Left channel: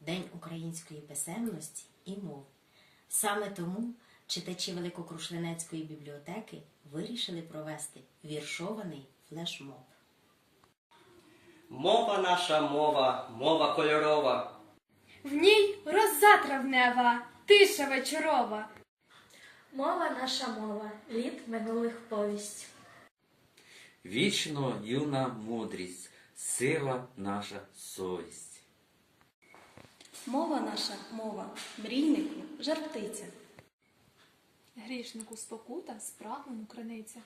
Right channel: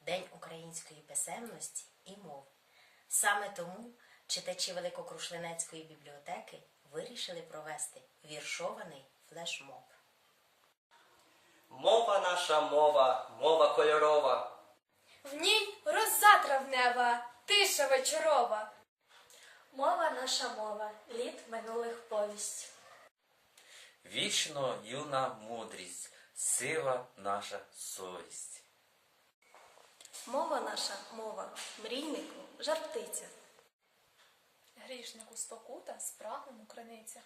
День української писемності і мов. Саме тому читачі Великокрушлинецької бібліотеки вирішили провести віршований флешмоб. Мова наша мова, мова кольорова. В ній роза травнева, тиша вечорова. Мова наша мова, літ минулих повість. Вічно юна мудрість, сила наша совість. Мова наша мова, мрійнику, жартиця. Грішнику спокута, спраглому криниця.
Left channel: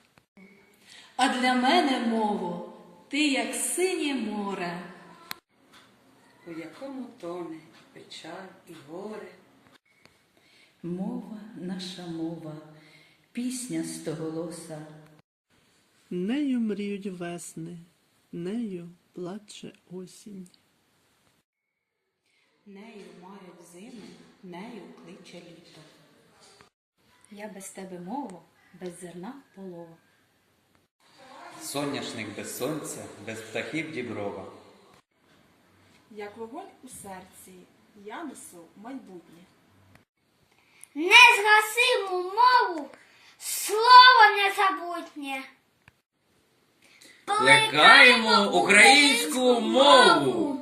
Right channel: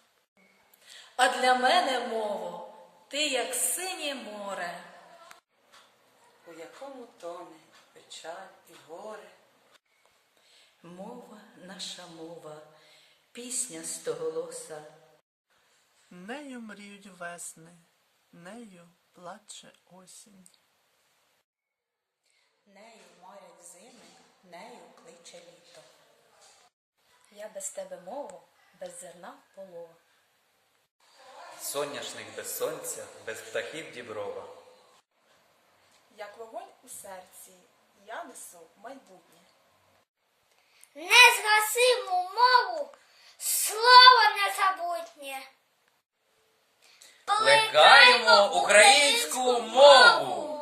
А для мене мову, ти як синє море. у якому тоне печаль і горе. Мова наша мова, пісня стоголоса. Нею мріють весни, нею плаче осінь. Нею марять зими, нею кличе літо. Я без тебе мову, без зерна полова. Соняшник без сонця, без птахів діброва. Як вогонь у серці, я несу майбутнє. Незгасиму мову, слово незабутнє. Плекаємо українську мову!